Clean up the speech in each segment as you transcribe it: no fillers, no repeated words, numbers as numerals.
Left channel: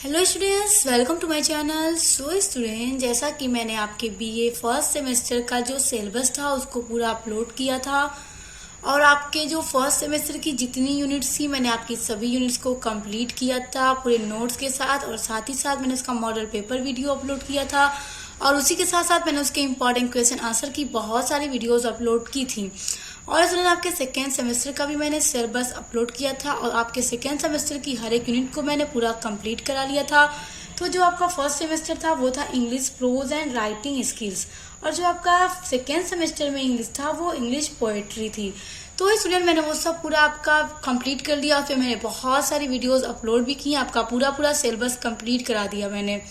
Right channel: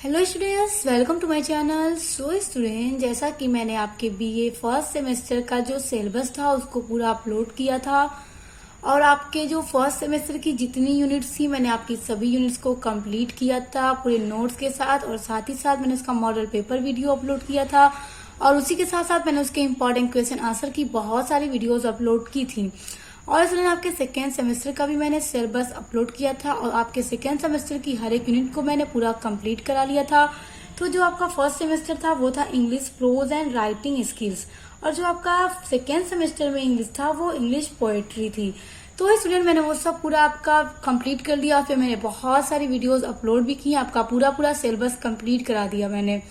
Hello students, welcome to my channel. So student, जैसा कि मैंने आपके बीए फर्स्ट सेमेस्टर का जो सिलेबस था उसको पूरा अपलोड किया था और आपके जो फर्स्ट सेमेस्टर की जितनी यूनिट्स थी मैंने आपकी सभी यूनिट्स को कंप्लीट किया था पूरे नोट्स के साथ, और साथ ही साथ मैंने उसका मॉडल पेपर वीडियो अपलोड किया था और उसी के साथ साथ मैंने उसके इंपॉर्टेंट क्वेश्चन आंसर की बहुत सारी वीडियोज़ अपलोड की थी। और स्टूडेंट, आपके सेकेंड सेमेस्टर का भी मैंने सिलेबस अपलोड किया था और आपके सेकेंड सेमेस्टर की हर एक यूनिट को मैंने पूरा कंप्लीट करा लिया था। तो जो आपका फर्स्ट सेमेस्टर था वो था English pros and writing skills, और जो आपका सेकेंड सेमेस्टर में इंग्लिश था वो इंग्लिश पोएट्री थी। तो स्टूडेंट, मैंने वो सब पूरा आपका कंप्लीट कर लिया। फिर मैंने बहुत सारी वीडियोस अपलोड भी की, आपका पूरा सिलेबस कंप्लीट करा दिया मैंने।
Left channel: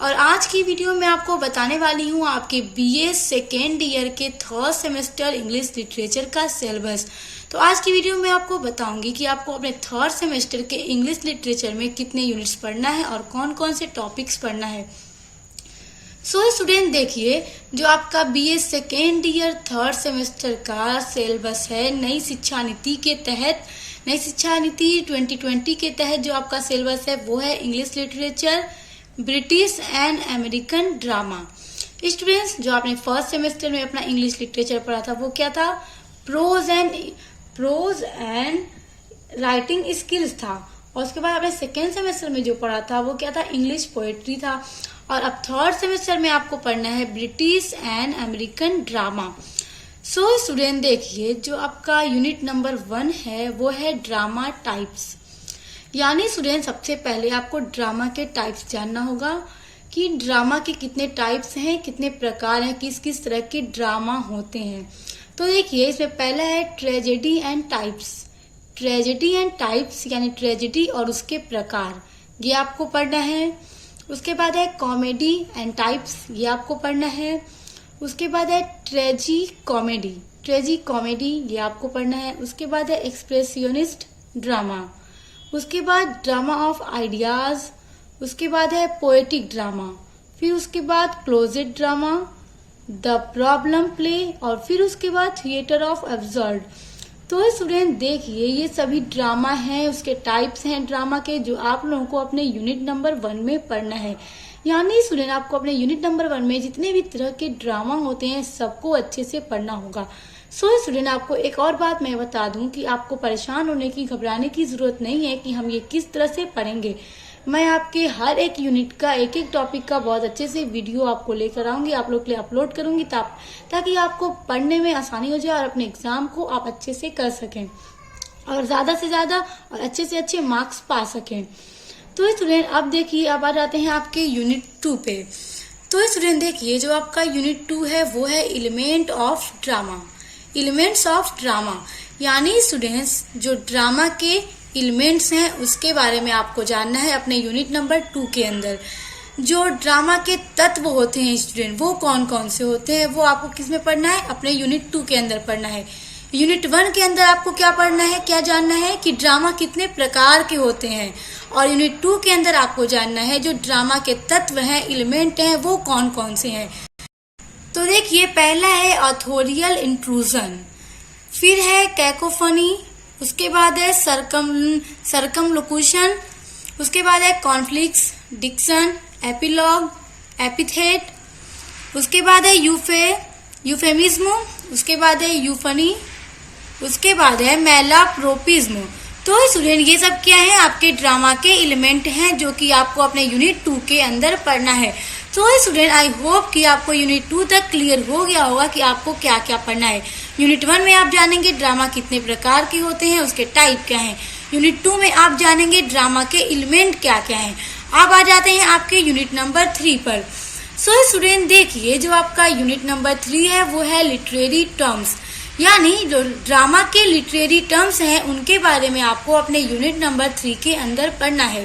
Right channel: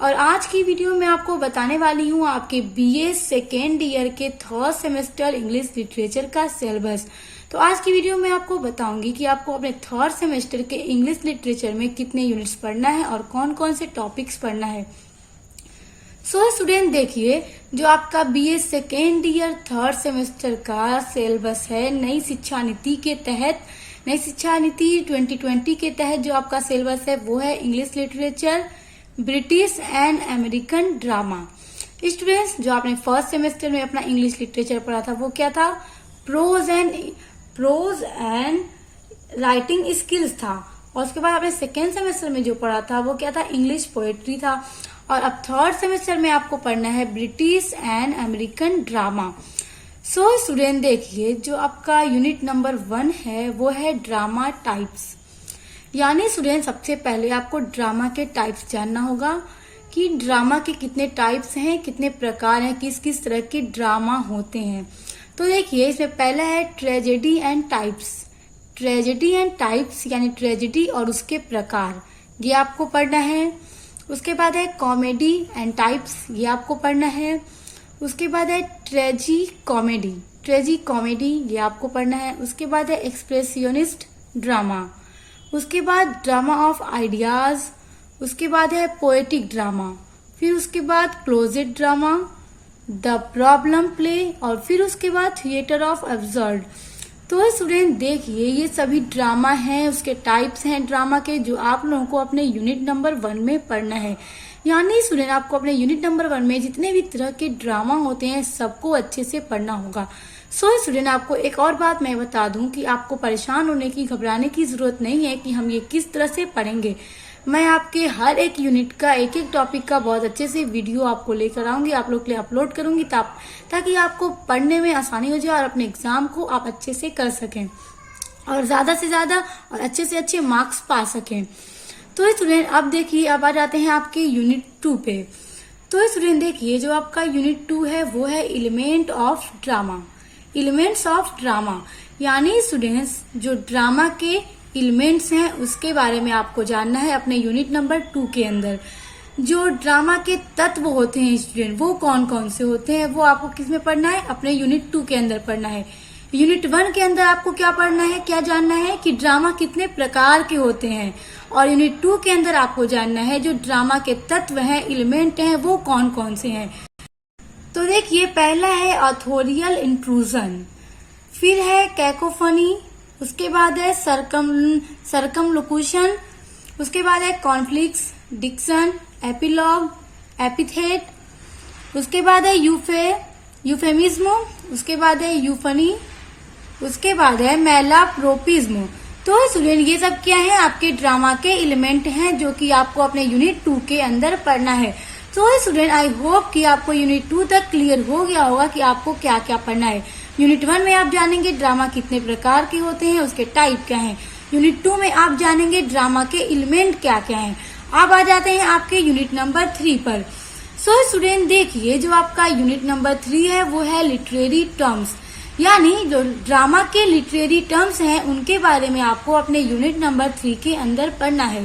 और आज की वीडियो में आपको बताने वाली हूँ आपके बीए सेकेंड ईयर के थर्ड सेमेस्टर इंग्लिश लिटरेचर का सिलेबस। तो आज की वीडियो में आपको बताऊंगी कि आपको अपने थर्ड सेमेस्टर के इंग्लिश लिटरेचर में कितने यूनिट्स पढ़ना है और कौन कौन से टॉपिक्स पढ़ना है। सो स्टूडेंट, देखिए, जो आपका BA second year third semester का सिलेबस है नई शिक्षा नीति के तहत, नई शिक्षा नीति 2020 के तहत जो आपका सिलेबस है वो है English literature, British and American drama. Students, जो आपने फर्स्ट सेमेस्टर में अपना इंग्लिश लिटरेचर पढ़ा था वो क्या था? प्रोज एंड राइटिंग स्किल्स था। और उसके बाद आपने सेकेंड सेमेस्टर में जो पढ़ा था वो क्या था? इंग्लिश पोएट्री था। और अब थर्ड सेमेस्टर में आपको पढ़ना है British and American drama. So student, देखिए, जो आपका यूनिट नंबर 1 है वो है ड्रामा टाइप्स। यानी स्टूडेंट, सबसे पहले आपको ड्रामा के टाइप्स जानना होगा कि ड्रामा के कितने टाइप्स हैं, कितने प्रकार हैं, किस किस तरह के ड्रामा होते हैं। तो देखिए, इसमें पहला है tragedy and types. Tragedy and types यानी ट्रेजेडी और उसके प्रकार, ये आपको पढ़ना है। उसके बाद है कॉमेडी एंड टाइप्स, ये आपको पढ़ना है। उसके बाद है ट्रेजी कॉमेडी, ये आपको पढ़ना है। उसके बाद है एक्सप्रेसियोनिस्ट ड्रामा। उसके बाद ड्रामा ऑफ आइडियाज। उसके बाद है पोएटिक ड्रामा। फिर उसके बाद closet drama, the problem play, और फिर उसके बाद थिएटर ऑफ एब्सर्ड। तो स्टूडेंट, देखिए, ये सभी ड्रामा हैं, उसके टाइप्स हैं ड्रामा के, जो आप लोगों को अपने यूनिट नंबर 1 में पढ़ना है। यानी स्टूडेंट, आपको अपने यूनिट नंबर 1 में जितने भी तरह के ड्रामा होते हैं सबको अच्छे से पढ़ना होगा। सो स्टूडेंट, आपको एक और बात मैं बता दूं कि आपको परेशान होने की, घबराने की जरूरत नहीं है कि हम ये किस तरह से पढ़ेंगे। मैं आपके हर एक यूनिट का, एक एक टॉपिक का बहुत अच्छे से वीडियो आपको लेकर आऊंगी, आप लोग के लिए अपलोड करूंगी ताकि आपको पढ़ने में आसानी हो जाए और अपने एग्जाम को आप अच्छे से कर सकें और ज्यादा से ज्यादा और अच्छे से अच्छे मार्क्स पा सकें। तो स्टूडेंट, अब देखिए, अब आ जाते हैं आपके यूनिट 2 पे। तो स्टूडेंट, देखिए, जो आपका यूनिट 2 है वो है एलिमेंट्स ऑफ ड्रामा। यानी स्टूडेंट्स, जो ड्रामा के एलिमेंट्स हैं उसके बारे में आपको जानना है अपने यूनिट नंबर 2 के अंदर। जो ड्रामा के तत्व होते हैं स्टूडेंट, वो कौन कौन से होते हैं वो आपको किस में पढ़ना है? अपने यूनिट 2 के अंदर पढ़ना है। यूनिट 1 के अंदर आपको क्या पढ़ना है, क्या जानना है कि ड्रामा कितने प्रकार के होते हैं, और यूनिट 2 के अंदर आपको जानना है जो ड्रामा के तत्व हैं, एलिमेंट हैं, वो कौन कौन से हैं। तो देखिए, पहला है ऑथोरियल इंट्रूजन, फिर है कैकोफनी, उसके बाद है सरकमलोक्यूशन, उसके बाद है कॉन्फ्लिक्ट्स, डिक्शन, एपिलॉग, एपिथेट, उसके बाद है यूफेमिज्म, उसके बाद है यूफनी, उसके बाद है मेलाप्रोपिज्म। तो स्टूडेंट, ये सब क्या है? आपके ड्रामा के एलिमेंट हैं जो कि आपको अपने यूनिट 2 के अंदर पढ़ना है। तो स्टूडेंट, आई होप कि आपको यूनिट 2 तक क्लियर हो गया होगा कि आपको क्या क्या पढ़ना है। यूनिट 1 में आप जानेंगे ड्रामा कितने प्रकार के होते हैं, उसके टाइप क्या हैं। यूनिट 2 में आप जानेंगे ड्रामा के एलिमेंट क्या क्या हैं। अब आ जाते हैं आपके यूनिट नंबर 3 पर। सो स्टूडेंट, देखिए, जो आपका यूनिट नंबर 3 है वो है लिटरेरी टर्म्स। यानी जो ड्रामा के लिटरेरी टर्म्स हैं उनके बारे में आपको अपने यूनिट नंबर 3 के अंदर पढ़ना है।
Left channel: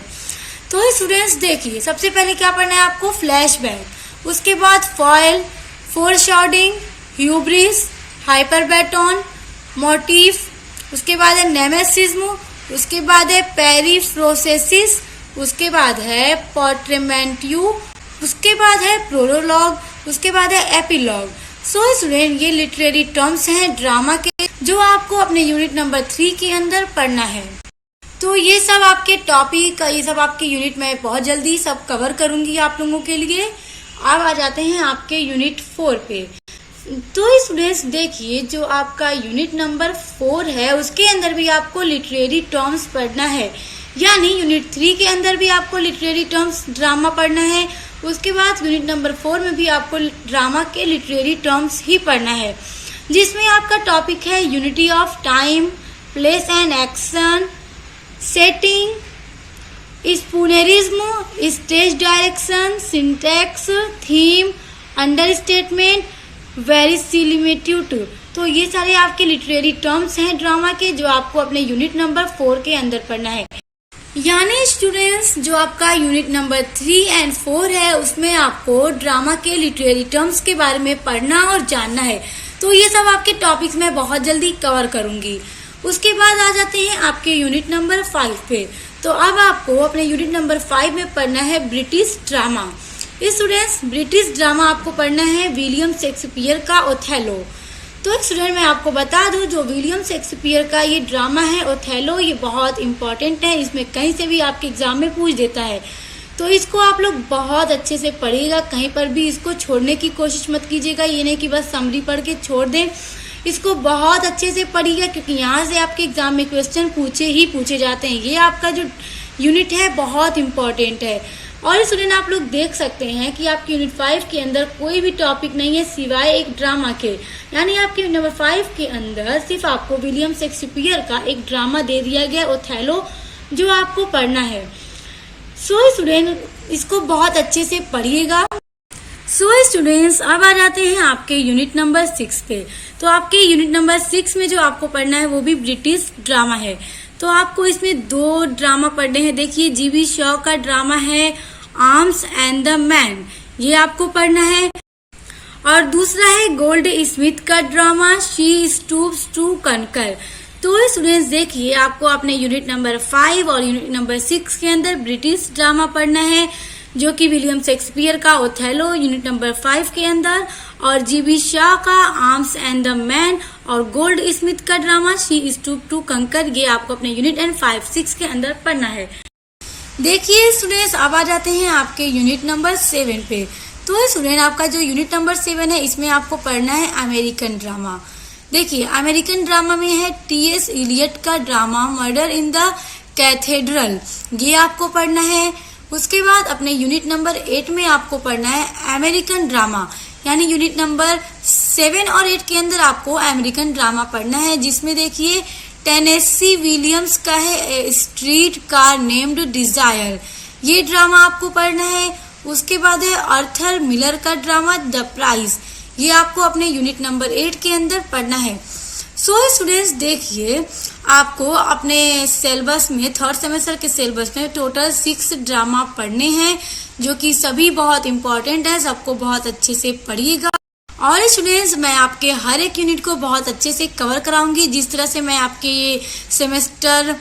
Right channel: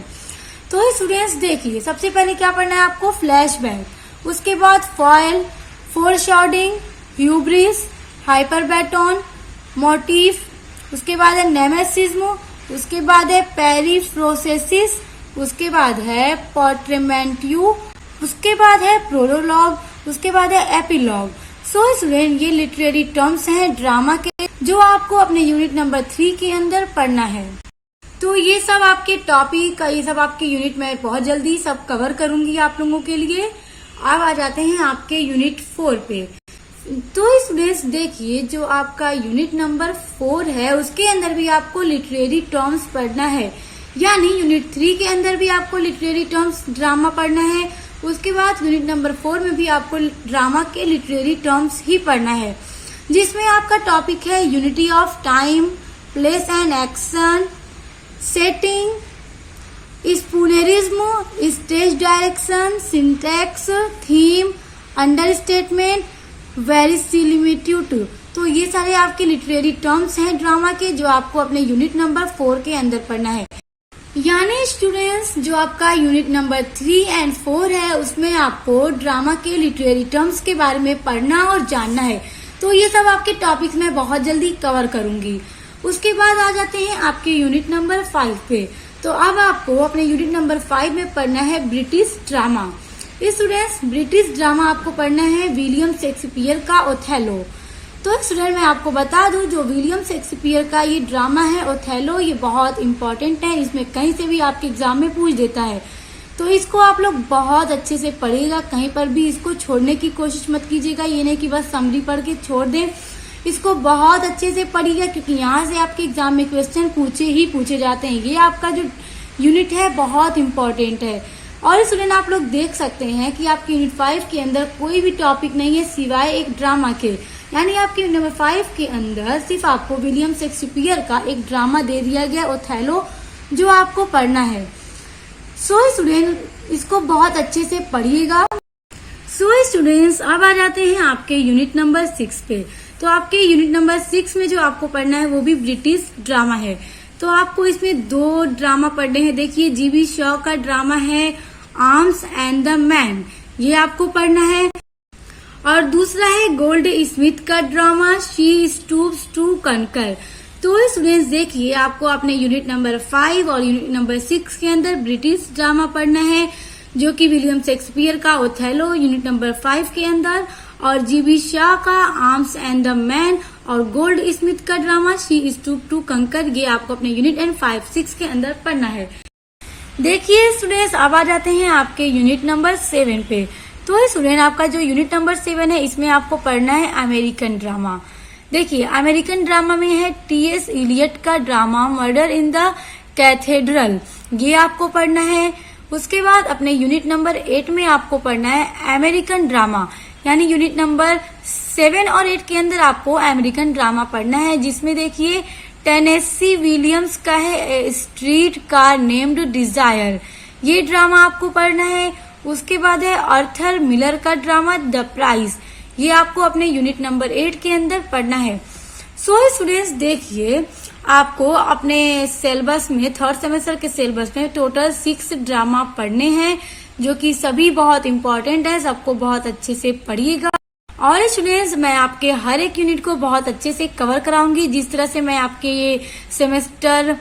तो स्टूडेंट्स, देखिए, सबसे पहले क्या पढ़ना है आपको? फ्लैशबैक, उसके बाद फॉयल, फोरशॉडिंग, ह्यूब्रिस, हाइपरबैटन, मोटिफ, उसके बाद है नेमेसिज्म, उसके बाद है पेरिफ्रोसेसिस, उसके बाद है पोर्ट्रेमेंट्यू, उसके बाद है प्रोलोग, उसके बाद है एपिलॉग। सो स्टूडेंट, ये लिटरेरी टर्म्स हैं ड्रामा के जो आपको अपने यूनिट नंबर 3 के अंदर पढ़ना है। तो ये सब आपके टॉपिक, ये सब आपके यूनिट में बहुत जल्दी सब कवर करूंगी आप लोगों के लिए। अब आ जाते हैं आपके यूनिट 4 पे। तो स्टूडेंट्स देखिए, जो आपका यूनिट नंबर 4 है उसके अंदर भी आपको लिटरेरी टर्म्स पढ़ना है, यानी यूनिट 3 के अंदर भी आपको लिटरेरी टर्म्स ड्रामा पढ़ना है। उसके बाद यूनिट नंबर 4 में भी आपको ड्रामा के लिटरेरी टर्म्स ही पढ़ना है, जिसमें आपका टॉपिक है unity of time, place and action, setting, spoonerism, stage direction, syntax, theme, understatement, verisimilitude. तो ये सारे आपके लिटरेरी टर्म्स हैं ड्रामा के, जो आपको अपने यूनिट नंबर 4 के अंदर पढ़ना है। यानी स्टूडेंट्स, जो आपका यूनिट नंबर 3 एंड 4 है उसमें आपको ड्रामा के लिटरेरी टर्म्स के बारे में पढ़ना और जानना है। तो ये सब आपके टॉपिक्स में बहुत जल्दी कवर करूंगी। उसके बाद आ जाते हैं आपके यूनिट नंबर 5 पे। तो अब आपको अपने यूनिट नंबर 5 में पढ़ना है British drama. Students, British drama आपको पढ़ना है विलियम शेक्सपियर का ओथेलो। तो स्टूडेंट, मैं आपको बता दूं, जो विलियम शेक्सपियर का ये ड्रामा है ओथेलो, ये बहुत इंपॉर्टेंट है। इसमें कहीं से भी आपके एग्जाम में पूछ देता है, तो इसको आप लोग बहुत अच्छे से पढ़िएगा। कहीं पर भी इसको छोड़ने की कोशिश मत कीजिएगा। ये नहीं कि बस समरी पढ़ के छोड़ दें, इसको बहुत अच्छे से पढ़िएगा, क्योंकि यहाँ से आपके एग्जाम में क्वेश्चन पूछे जाते हैं। ये आपका जो यूनिट है बहुत इंपॉर्टेंट है। और स्टूडेंट, आप लोग देख सकते हैं कि आपके यूनिट 5 के अंदर कोई भी टॉपिक नहीं है सिवाय एक ड्रामा के। यानी आपके यूनिट नंबर 5 के अंदर सिर्फ आपको विलियम शेक्सपियर का एक ड्रामा दे दिया गया ओथेलो, जो आपको पढ़ना है। सो स्टूडेंट, इसको बहुत अच्छे से पढ़िएगा। सो स्टूडेंट्स, अब आ जाते हैं आपके यूनिट नंबर 6 पे। तो आपके यूनिट नंबर 6 में जो आपको पढ़ना है वो भी ब्रिटिश ड्रामा है। तो आपको इसमें 2 ड्रामा पढ़ने हैं। देखिए, जीबी शॉ का ड्रामा है आर्म्स एंड द मैन, ये आपको पढ़ना है। और दूसरा है गोल्ड स्मिथ का drama she stoops to conquer. तो स्टूडेंट्स देखिए, आपको अपने यूनिट नंबर 5 और यूनिट नंबर 6 के अंदर ब्रिटिश ड्रामा पढ़ना है, जो कि विलियम शेक्सपियर का ओथेलो यूनिट नंबर 5 के अंदर, और जीबी शाह का आर्म्स एंड द मैन, और गोल्ड स्मिथ का ड्रामा शी स्टूप टू कंकर, ये आपको अपने यूनिट एंड 5-6 के अंदर पढ़ना है। देखिए स्टूडेंट्स, अब आ जाते हैं आपके यूनिट नंबर 7 पे। तो स्टूडेंट, आपका जो यूनिट नंबर 7 है इसमें आपको पढ़ना है अमेरिकन ड्रामा। देखिए, अमेरिकन ड्रामा में है टी.एस. इलियट का drama murder in the cathedral, ये आपको पढ़ना है। उसके बाद अपने यूनिट नंबर 8 में आपको पढ़ना है अमेरिकन ड्रामा, यानी यूनिट नंबर 7 और 8 के अंदर आपको अमेरिकन ड्रामा पढ़ना है, जिसमें देखिए टेनेसी विलियम्स का है स्ट्रीट कार नेम्ड डिजायर, ये ड्रामा आपको पढ़ना है। उसके बाद है आर्थर मिलर का ड्रामा द प्राइज, ये आपको अपने यूनिट नंबर 8 के अंदर पढ़ना है। सो स्टूडेंट्स देखिए, आपको अपने सिलेबस में 3rd सेमेस्टर के सिलेबस में टोटल 6 ड्रामा पढ़ने हैं, जो कि सभी बहुत इंपॉर्टेंट है। सबको बहुत अच्छे से पढ़िएगा। और स्टूडेंट्स, मैं आपके हर एक यूनिट को बहुत अच्छे से कवर कराऊंगी, जिस तरह से मैं आपके ये सेमेस्टर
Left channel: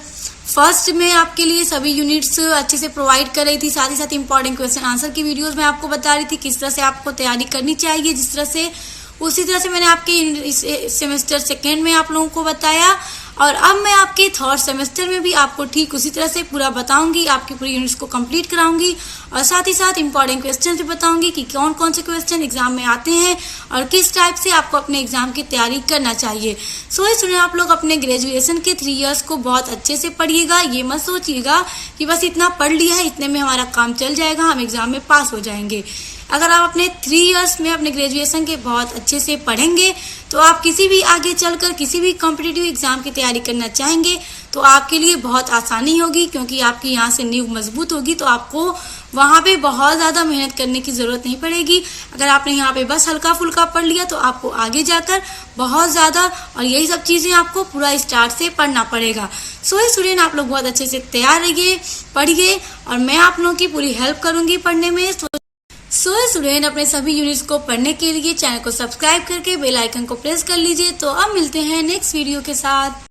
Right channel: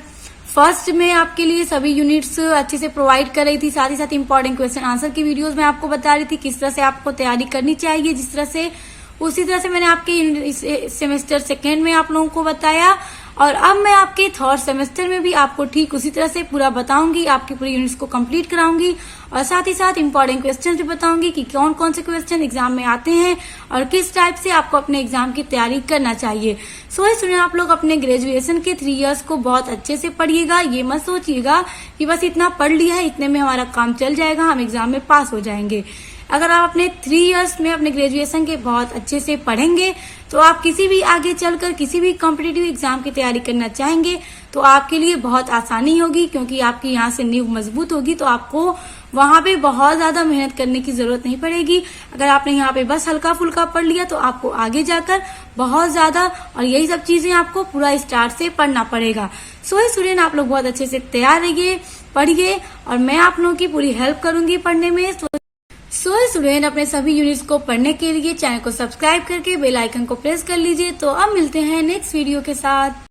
फर्स्ट में आपके लिए सभी यूनिट्स अच्छे से प्रोवाइड कर रही थी। साथ ही साथ इंपॉर्टेंट क्वेश्चन आंसर की वीडियोस मैं आपको बता रही थी किस तरह से आपको तैयारी करनी चाहिए, जिस तरह से उसी तरह से मैंने आपके सेमेस्टर 2 में आप लोगों को बताया। और अब मैं आपके 3rd सेमेस्टर में भी आपको ठीक उसी तरह से पूरा बताऊंगी, आपकी पूरी यूनिट्स को कंप्लीट कराऊंगी, और साथ ही साथ इंपॉर्टेंट क्वेश्चन भी बताऊंगी कि कौन कौन से क्वेश्चन एग्जाम में आते हैं और किस टाइप से आपको अपने एग्जाम की तैयारी करना चाहिए। सो स्टूडेंट, आप लोग अपने ग्रेजुएशन के 3 इयर्स को बहुत अच्छे से पढ़िएगा। ये मत सोचिएगा कि बस इतना पढ़ लिया है, इतने में हमारा काम चल जाएगा, हम एग्जाम में पास हो जाएंगे। अगर आप अपने 3 इयर्स में अपने ग्रेजुएशन के बहुत अच्छे से पढ़ेंगे, तो आप किसी भी आगे चलकर किसी भी कॉम्पिटिटिव एग्जाम की तैयारी करना चाहेंगे तो आपके लिए बहुत आसानी होगी, क्योंकि आपकी यहाँ से नींव मजबूत होगी, तो आपको वहाँ पे बहुत ज़्यादा मेहनत करने की ज़रूरत नहीं पड़ेगी। अगर आपने यहाँ पे बस हल्का फुल्का पढ़ लिया तो आपको आगे जाकर बहुत ज़्यादा, और यही सब चीज़ें आपको पूरा स्टार्ट से पढ़ना पड़ेगा। सो स्टूडेंट, आप लोग बहुत अच्छे से तैयार रहिए, पढ़िए, और मैं आप लोगों की पूरी हेल्प करूँगी पढ़ने में। सो स्टूडेंट, अपने सभी यूनिट्स को पढ़ने के लिए चैनल को सब्सक्राइब करके बेल आइकन को प्रेस कर लीजिए। तो अब मिलते हैं नेक्स्ट वीडियो के साथ।